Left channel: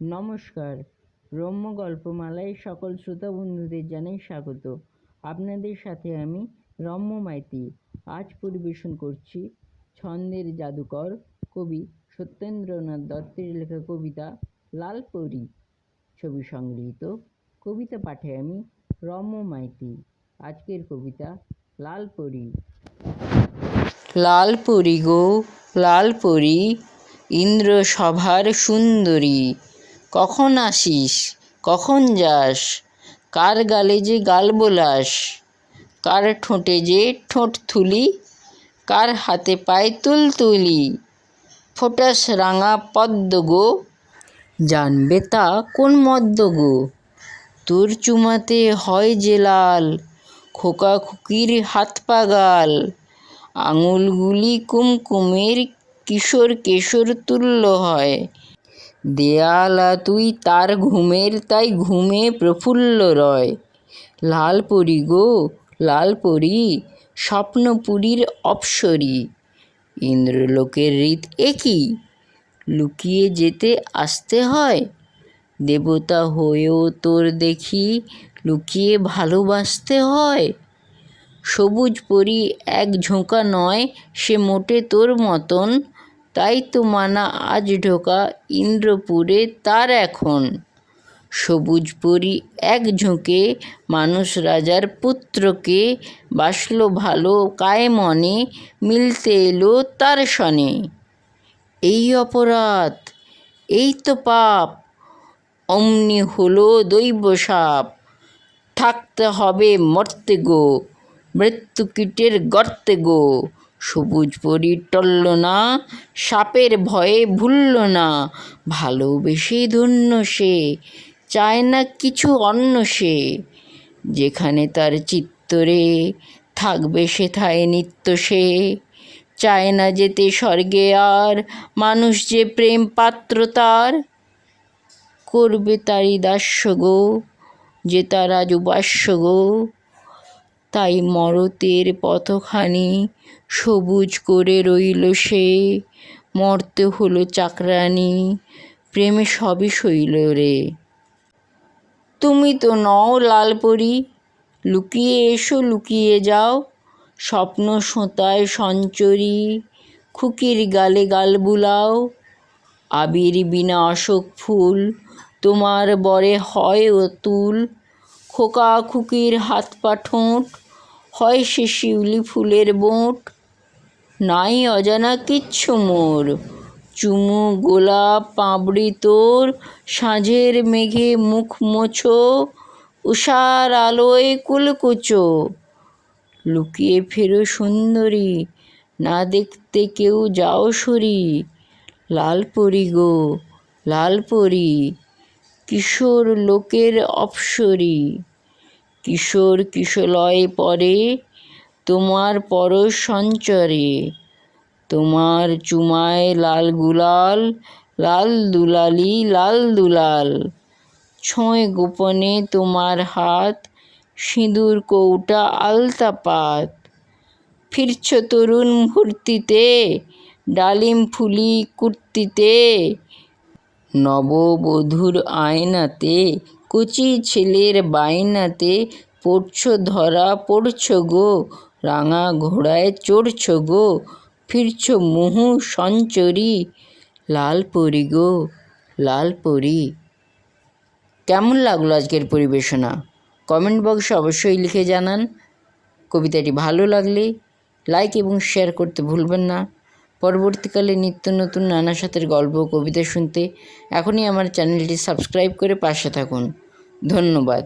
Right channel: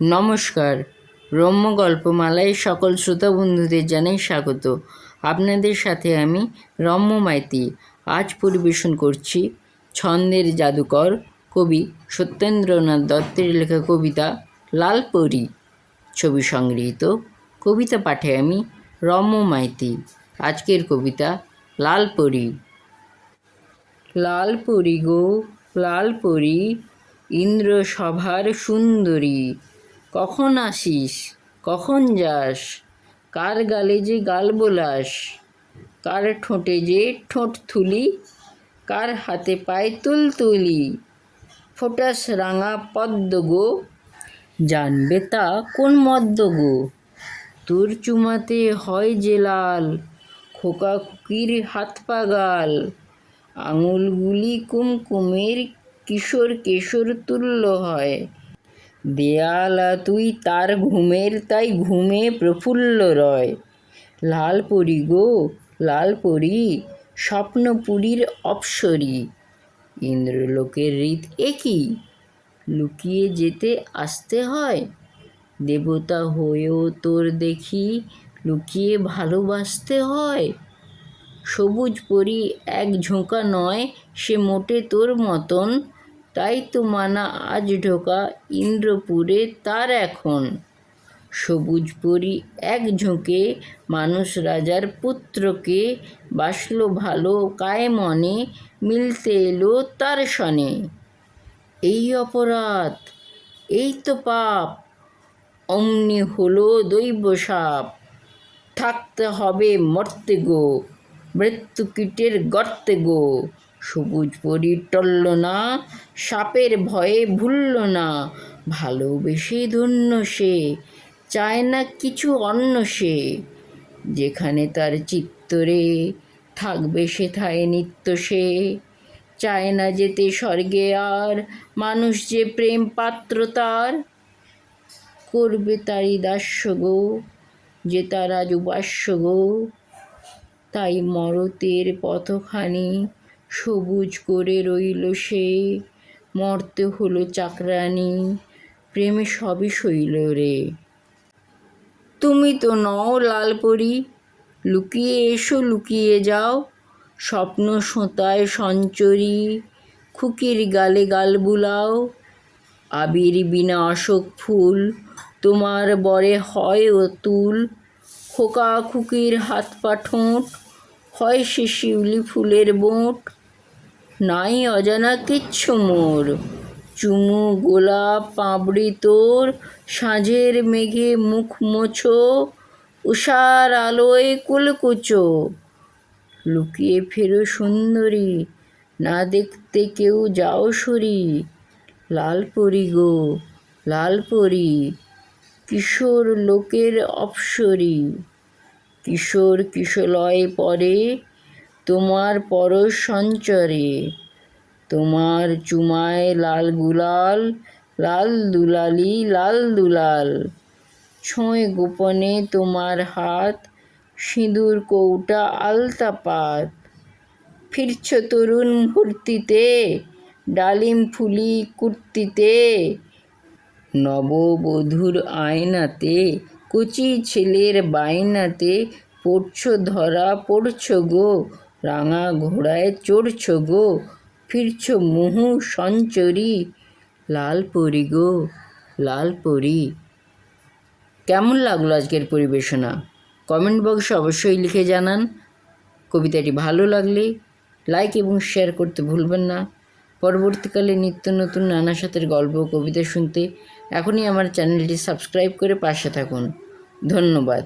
নমস্কার। রম্য গল্পমালায় সকল শ্রোতা বন্ধুদের জানাই স্বাগত। আপনাদের সাথে আমি রম্য মাইতি। আজ পরিবেশন করছি ছন্দের জাদুকর কবি সত্যেন্দ্রনাথ দত্তের লেখা কবিতা লালপরী। ছবি সংগৃহীত। কবিতা পাঠে আমি রম্য মাইতি। আজকের কবিতা লালপরী। লালপরী গো লালপরী, ইন্দ্র সভার সুন্দরী, কখন আসিস কখন যাস, কার গালে যে গাল বোলাস, কার ঠোঁটে যে ঠোঁট থুলি, কার হাতে পায়ে তুলতুলি, ফোটাস রাঙা পদ্ম গো, জানবে তা কোন মদ্য গো, তোর চুমাতে হয় যে লাল, খোকা খুকির হাত পা গাল, আঙুলগুলি কুমকুমের কিশোর কেশর তুল্য হয়, দেয়ালা তুই তার ঘুমের তাই ঘুমে প্রফুল্ল রয়। লালপরী গো লালপরী, স্বপ্নপুরীর অপ্সরী, ইন্দ্রলোকের রীত একই, লুকিয়ে যেতে আসতে হয়, দেবতা হয়েও তোর দেখি লুকিয়ে ভালোবাসতে হয়। সবুজ পরী এক ঝোঁকা নয় সে মোটে তোর মতন, তাই তো মানা আজ ঢোকা ইন্দ্রপুরে তার এখন। সবুজ পরী এক ঝোঁকে মানুষ রাজার পুত্রকে, বাসল ভালো কায়ে মনে, মিলতে এলো তার সনে। এই অপরাধ এই তো পাপ, অমনি হলো দৈব সাপ, থাকতে হবে মর্তে গো, মৃত্যুকীটের গর্তে গো। সবুজ পরী টলল না, সাপের ভয়ে ভুলল না, ভালোবেসে ধন্য সে, চায় না কিছু অন্য সে, যেখানে তার চিত্তরে থাকবে সেথায় নিত্য সে, চায় না যেতে স্বর্গে আর, মানুষ যে প্রেম পাত্র তার, করবে তারই দাস্য গো, যে তার আজ উপাস্য গো। তাই মরতের পথখানি সবুজ করে রইল সে, মরতে হলো চাকরানি, প্রেমে সবই সইল রে। তুমি তো নও লালপরী, লুকিয়ে এসো লুকিয়ে যাও, স্বপ্ন সোঁতায় সঞ্চরী, খুকির গালে গাল বুলাও, আবির বিনা অশোক ফুল তোমার বরে হয় অতুল, খোকা খুকির হাত পা ঠোঁট হয় সে শিউলি ফুলের বোঁট। নাই অজানা কিচ্ছু মোর, চুমু গোলাপ পাঁপড়ি তোর, সাঁঝের মেঘে মুখ মোছো, উষার আলোয় কুলকুচো, লুকিয়ে ফেরো সুন্দরী, না দেখতে কেউ যাও সরি। লালপরী গো লালপরী, কিশোর লোকের অপ্সরী, কিশোর কিশলয়ে পরে তোমার পরশ সঞ্চরে, তোমার চুমায় লাল গুলাল, লাল দুলালি লাল দুলাল, ছোঁয় গোপনে তোমার হাত, সিঁদুর কৌটা আলতা পাত, ফিরছ তরুণ ভর্তিতে, ডালিম ফুলি কুর্তিতে, নববধূর আয়নাতে, কচি ছেলের বায়নাতে, পড়ছ ধরা পড়ছ গো, রাঙা ঘোড়ায় চড়ছ গো, ফিরছ মুহু সঞ্চরী। লালপরী গো লালপরী। কেমন লাগলো আজকের পরিবেশনা? কমেন্ট বক্সে অবশ্যই লিখে জানান। কবিতাটি ভালো লাগলে লাইক এবং শেয়ার করতে ভুলবেন না। পরবর্তীকালে নিত্য নতুন নানা সাথের গল্প কবিতা শুনতে এখনই আমার চ্যানেলটি সাবস্ক্রাইব করে পাশে থাকুন। ধন্যবাদ।